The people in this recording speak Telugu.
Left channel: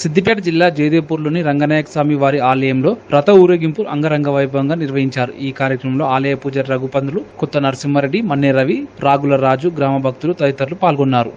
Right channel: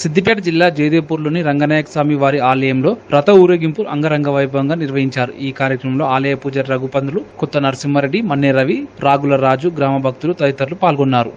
సిద్దిపేట జిల్లా జయదేవ్పూర్లోని రంగనాయక స్వామి వారి ఆలయంలో రథ ఊరేగింపు అంగరంగ వైభవంగా నిర్వహించారు. ఈ కార్యక్రమంలో ఆలయ పూజారి రఘుపంతులు, కొత్త నరసింహారెడ్డి, మన్నే రవి, రాగుల రాజు, గ్రామ భక్తులు తదితరులు పాల్గొన్నారు.